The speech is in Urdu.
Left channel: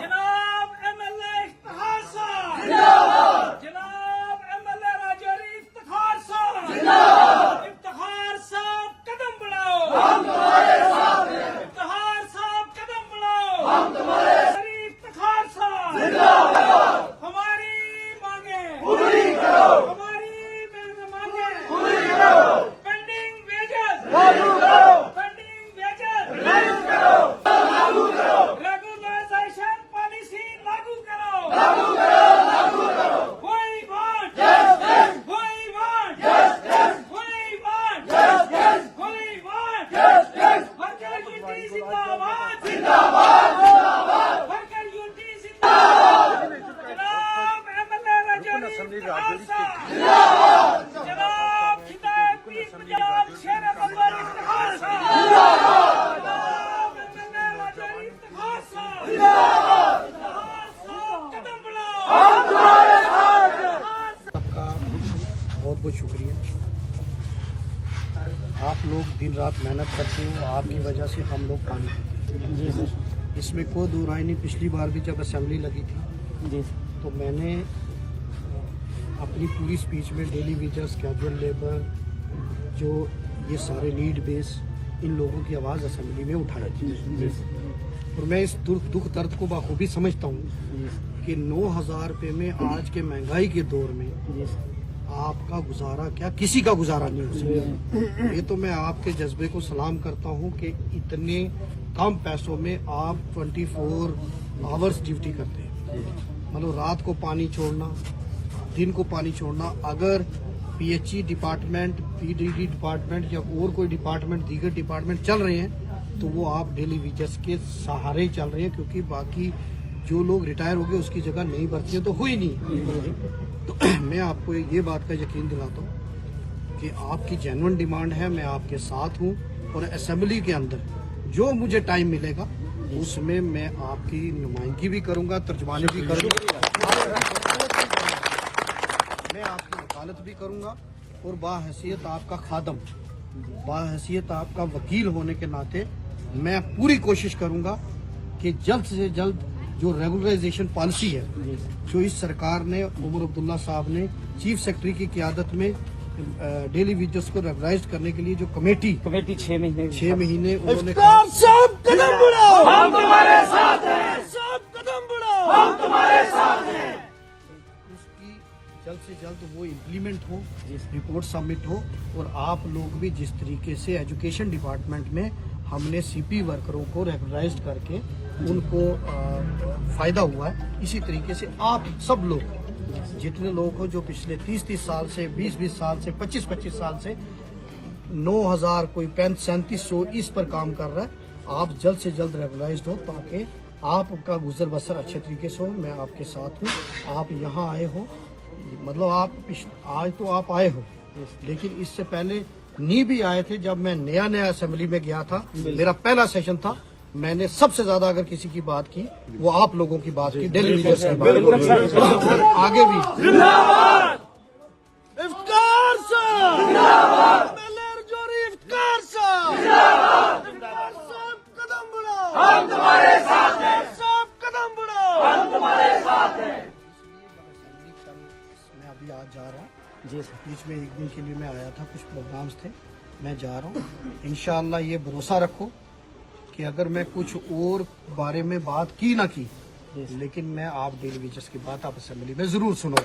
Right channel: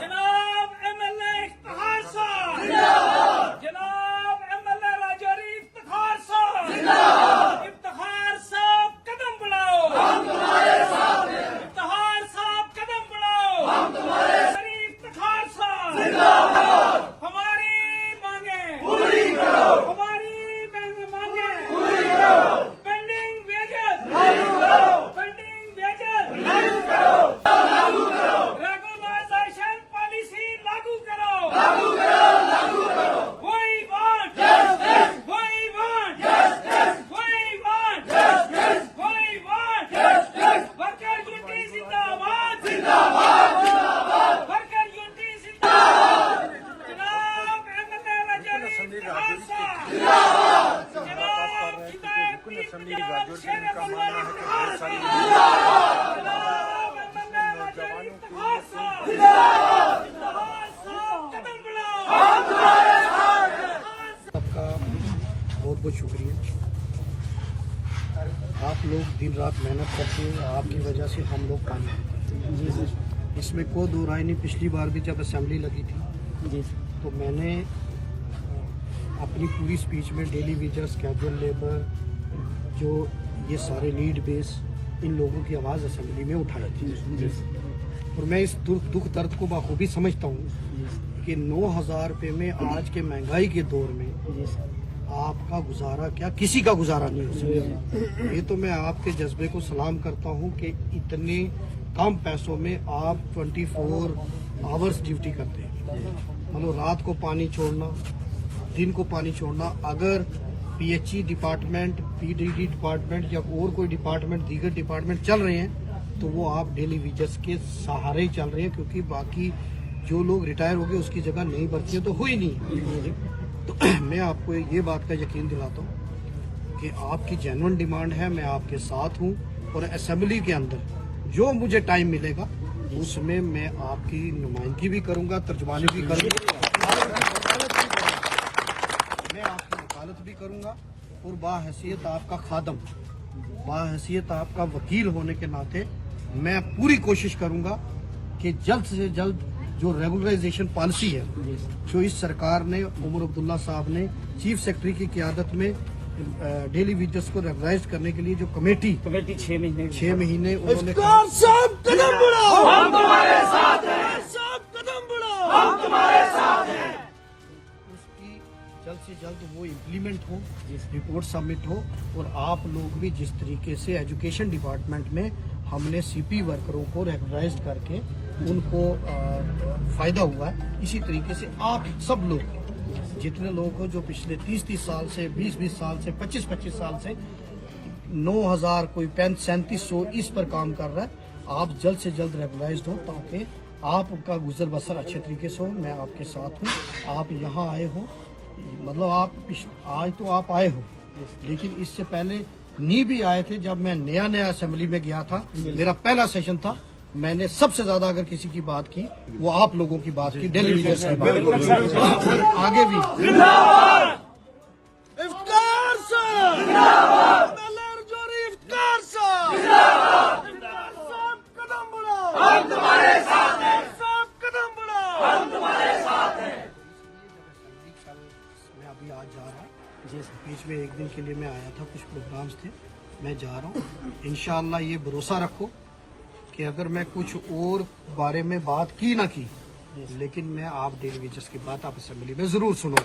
جناب MLA افتخار صاحب جناب MLA راجوری افتخار صاحب افتخار صاحب قدم بڑھاؤ افتخار صاحب قدم بڑھاؤ افتخار صاحب ہماری مانگیں ہماری مانگیں فنڈنگ ویجز ریگولائزیشن پالیسی لاگو کرو وہی وانٹ وہی وانٹ وہی وانٹ وہی وانٹ ورکر یونٹی زندہ باد ورکر یونٹی زندہ باد جناب MLA راجوری افتخار صاحب جناب ہدایت پیر پنجاب شیر بلوار افتخار صاحب سب کا بہت بہت شکریہ. آپ لوگ دن رات محنت کرتے ہو, آپ کی وجہ سے ہم لوگ پانی پیتے ہیں. جی سر, اس میں کوئی دو رائے نہیں. پچھلی بار بھی جب اسمبلی لگی تھی جی تو میں نے اپنی پوری اسپیچ میں ڈیلی ویجرز, کیجول لیبر, جو یہ سارے نیڈ بیس, ان لوگوں کی آواز اسمبلی میں اٹھائی تھی. اور میں اس دکھ درد کو بخوبی سمجھتا ہوں کہ 9,000 روپے میں آج کے مہنگائی کے دور میں آپ کا گزارا کیا, کسی کا گزارا نہیں ہو سکتا. یہ تو میں آپ کے جذبے کو سلام کرتا ہوں کہ اتنے کم پیسوں میں آپ 24 آورس ڈیوٹی کرتے ہیں. مطلب رات کو پانی چھوڑنا, دن کو پانی چھوڑنا. اگر PHE ڈپارٹمنٹ, PDD ڈپارٹمنٹ یا اور کوئی ڈپارٹمنٹ, دیگر ڈپارٹمنٹ چل رہے ہیں تو وہ آپ ڈیلی ویجرز کے سہارے ہی چل رہے ہیں, کیونکہ باقی جو لوگ ریٹائر ہو گئے اس کی جگہ نئی بھرتیاں تو ہوئی نہیں. تو میں آپ کو یہ بات کا یقین دلاتا ہوں کہ آپ کی جینوئن ڈیمانڈ ہے, میں آپ کے ساتھ ہوں. اور اسمبلی کے اندر جو مجھے ٹائم ملے گا اس میں میں آپ کی نمائندگی بھی کروں گا, ترجمانی بھی کروں گا, میں آپ کی وکالت بھی کروں گا. اور باحیثیت آپ کا خادم, باحیثیت آپ کا وکیل ہونے کے ناطے میں پوری کوشش کروں گا کہ جلد سے جلد جو ریگولرائزیشن پالیسی ہے جو اس سرکار نے, عمر عبداللہ صاحب نے چیف سیکرٹری کی قیادت میں ڈیلی ویجرز کو ریگولرائز کرنے کے لیے جو کمیٹی 6 مہینے انہوں نے جلد سے جلد وہ امپلیمنٹ ہو, رپورٹ سبمٹ ہو. اور آپ لوگ بھی جس طریقے سے ایجوکیشن ڈپارٹمنٹ میں ہم نے CP ورکروں کو ریکگنائز کر کے ان کو فائدہ ہوا ہے, اسی طریقے سے آپ سب لوگ جتنے لوگ ہو جو پچھلے 30 سال سے, 20 سال سے, 25 سال سے 9,000 کوئی 3700 اس پر کام کر رہا ہے, آپ جلد سے جلد ریگولائزڈ ہو تاکہ آپ کا گزر بسر اچھے طریقے سے ہو. میں آپ کے ساتھ ہوں. آپ یہاں آئے ہو, مطلب آپ آج تو آپ آئے ہو, لیکن اس سے پہلے نہیں بھی آئے تھے. جب میں نیا اسمبلی میں گیا تھا, میرا پہلا سیشن تھا, میں نے سب سے زیادہ اگر کسی کی بات کی وہ آپ لوگوں کی بات کی, ڈیلی ویجرز کی بات, اور آگے بھی. میں ابھی آج جا رہا ہوں, بیچ میں ایک دن کے لیے میں آیا تھا, کچھ پروگرامز تھے, میں جا رہا ہوں. انشاءاللہ یہ بھروسہ رکھو کہ اگر میں کچھ اور بارے میں بات کی نہ کی, لیکن میں آپ ڈیلی ویجرز کی بات آپ اسمبلی میں ضرور سنو.